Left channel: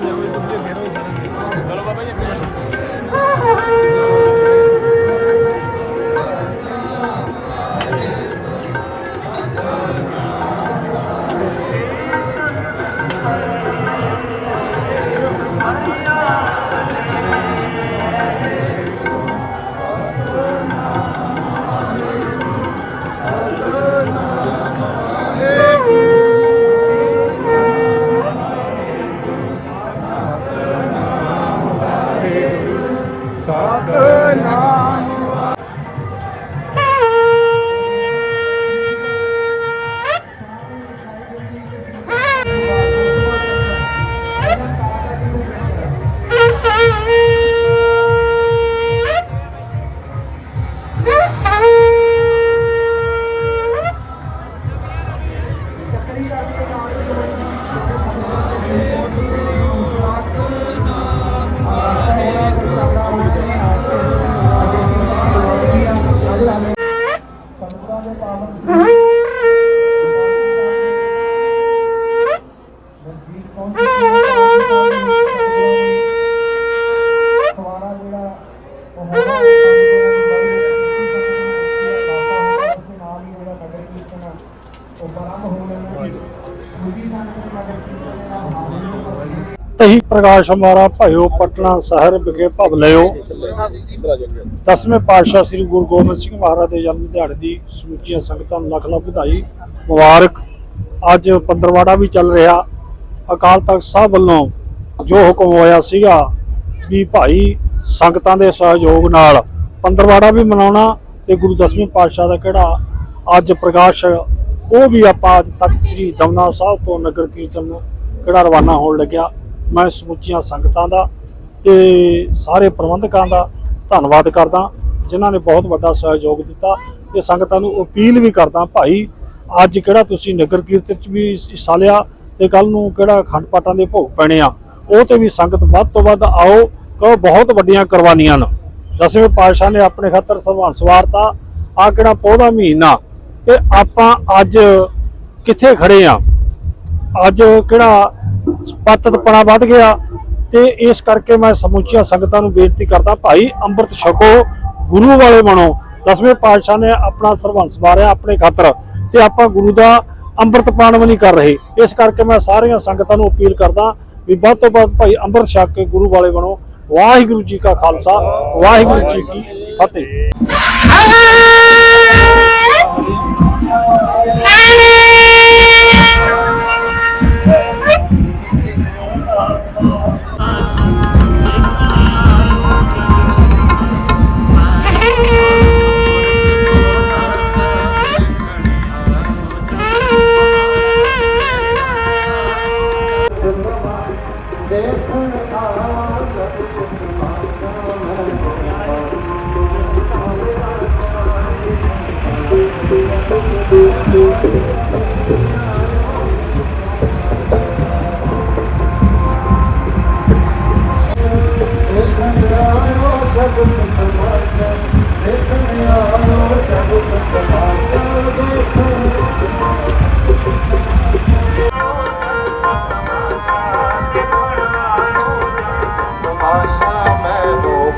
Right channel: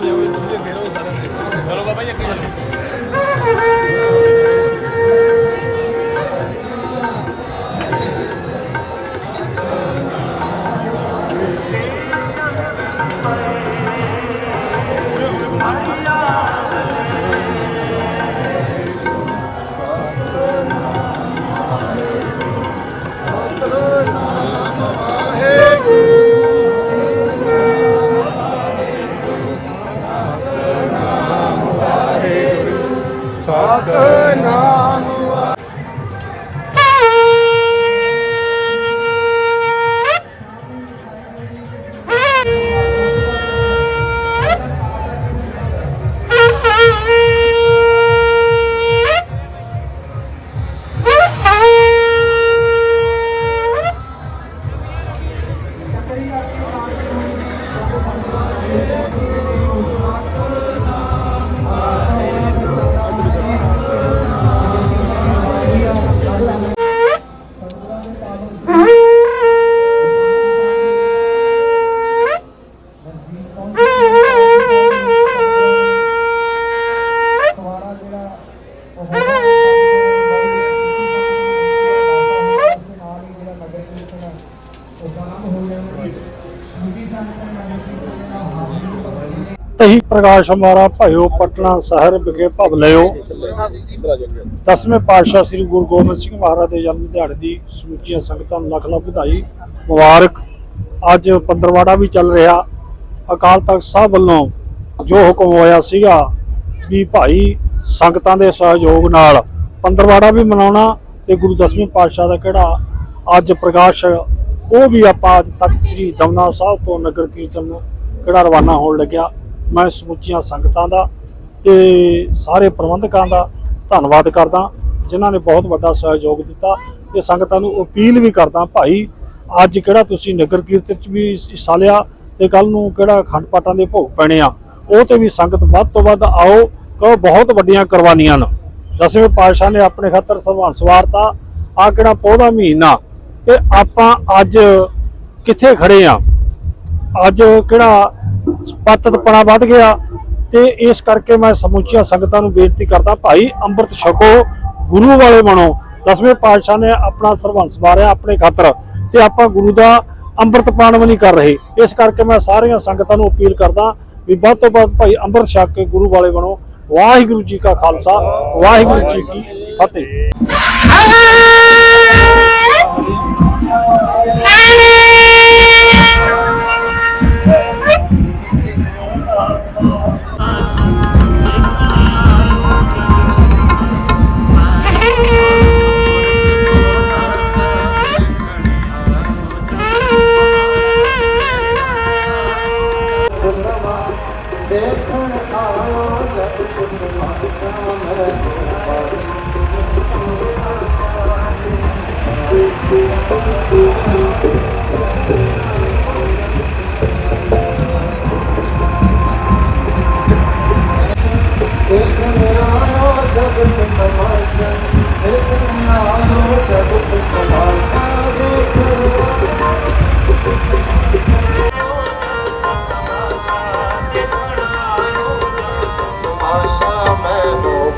Valeu, valeu. ਤਹੀ ਪ੍ਰਕਾਸ਼ ਹਮਾਰਾ ਭਇਓ ਪਟਨਾ ਸ਼ਹਿਰ ਵਿਖੇ ਭਵ ਲਿਓ ਦਸਵੇਂ ਪਾਤਸ਼ਾਹ ਸ੍ਰੀ ਗੁਰੂ ਗੋਬਿੰਦ ਸਿੰਘ ਮਹਾਰਾਜ ਦੇ ਜਨਮ ਦਿਹਾੜੇ ਦੀ ਸਮੁੱਚੀਆਂ ਸੰਗਤਾਂ ਨੂੰ ਲੱਖ ਲੱਖ ਵਧਾਈ ਮੁਬਾਰਕ। ਅੱਜ ਪੰਦਰਵਾੜਾ ਵੀ ਚੱਲ ਰਿਹਾ। ਅਕਾਲ ਤਖਤ ਸਾਹਿਬ ਵੱਲੋਂ ਜੋ ਹੁਕਮ ਹੋਇਆ ਸੀਗਾ ਵੀ ਭਾਈ ਸੰਗਤਾਂ ਦੇ ਸਹਿਯੋਗ ਨਾਲ ਪੰਦਰਵਾੜਾ ਵੀ ਮਨਾਉਣਾ ਤੇ ਗੁਰੂ ਦਸਵੇਂ ਪਾਤਸ਼ਾਹ ਦਾ ਕਿਹੜਾ ਅੱਜ ਪ੍ਰਕਾਸ਼ ਉਹ ਵੀ ਆਪਾਂ ਅੱਜ ਤੱਕ ਸ੍ਰੀ ਦਮਨਾ ਸਾਹਿਬ ਤੋਂ ਨਗਰ ਕੀਰਤਨ ਨੂੰ ਕਿਹੜਾ ਰਵਾਨਾ ਹੋਣ ਲੱਗਿਆ। ਮੈਂ ਸਮੁੱਚੀਆਂ ਸੰਗਤਾਂ ਦਾ ਤੇ ਸਾਰੇ ਪ੍ਰਬੰਧਕਾਂ ਦਾ ਧੰਨਵਾਦ ਕਰਦਾ, ਜਿਨ੍ਹਾਂ ਨੇ ਬਹੁਤ ਵੱਡਾ ਸਹਿਯੋਗ ਦਿੱਤਾ। ਤੇ ਸੰਗਤਾਂ ਨੂੰ ਅਪੀਲ ਵੀ ਕਰਦਾ, ਭਾਈ, ਅੱਜ ਕਿਹੜਾ ਤੁਸੀਂ ਨਗਰ ਕੀਰਤਨ ਚ ਵੀ ਹਿੱਸਾ ਲਿਆ ਤੇ ਕੱਲ ਨੂੰ ਕਿਹੜਾ ਖੰਡ ਪਾਠਾਂ ਦੇ ਭੋਗ ਪੈਣੇ ਆ? ਉਹ ਤੇ ਵੀ ਸੰਗਤ ਵੱਧ ਤੋਂ ਵੱਧ ਆਓ, ਕਿਉਂ ਬਹੁਤ ਵੱਡੀਆਂ ਕੁਰਬਾਨੀਆਂ ਨੇ। ਦਸਵੇਂ ਪਾਤਸ਼ਾਹ ਨੇ ਆਪਣੇ ਖਾਤਰ ਸੰਭਾਲ ਸਵਾਰਤਾ ਆ ਕਿਹੜਾ ਪੌਦਾ ਮਹੀਨਾ ਤੇ ਆਪਾਂ ਅੱਜ ਕਿੱਥੇ ਖੜੇ ਆ? ਅੱਜ ਕਿਹੜਾ ਪਤਤਪਣਾ ਵੱਧ ਗਿਆ ਤੇ ਇਸ ਕਰਕੇ ਮੈਂ ਸਮੁੱਚੀਆਂ ਸੰਗਤਾਂ ਨੂੰ ਬੇਨਤੀ ਕਰਦਾ, ਭਾਈ ਅੰਮ੍ਰਿਤ ਛਕੋ, ਗੁਰੂ ਵਾਲੇ ਬਣੋ। ਦਸਵੇਂ ਪਾਤਸ਼ਾਹ ਨੇ ਆਪਣਾ ਸਰਵੰਸ ਵਾਰਿਆ ਆਪਣੇ ਖਾਤਰ ਤੇ ਆਪਾਂ ਗੁਰੂ ਦਾ ਅੰਮ੍ਰਿਤ ਪਾਣ ਵੀ ਨਹੀਂ ਕਰ ਰਹੇ। ਇਸ ਕਰਕੇ ਮੈਂ ਸਾਰੀਆਂ ਸੰਗਤਾਂ ਨੂੰ ਅਪੀਲ ਕਰਦਾ ਵੀ ਵੱਧ ਤੋਂ ਵੱਧ ਭਾਈ ਅੰਮ੍ਰਿਤ ਛਕ ਕੇ ਗੁਰੂ ਵਾਲੇ ਬਣੋ। ਵਾਹਿਗੁਰੂ ਜੀ ਕਾ ਖਾਲਸਾ, ਵਾਹਿਗੁਰੂ ਜੀ ਕੀ ਫਤਿਹ। Hey!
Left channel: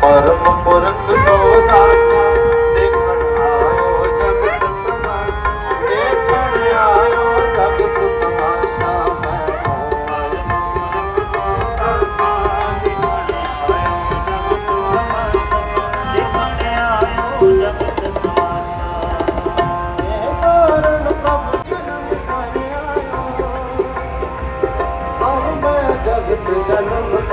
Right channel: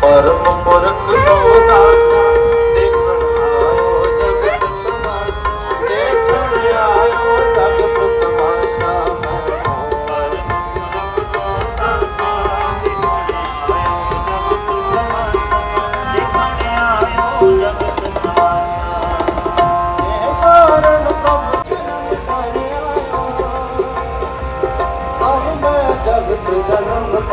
परम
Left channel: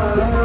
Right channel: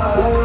Yeah.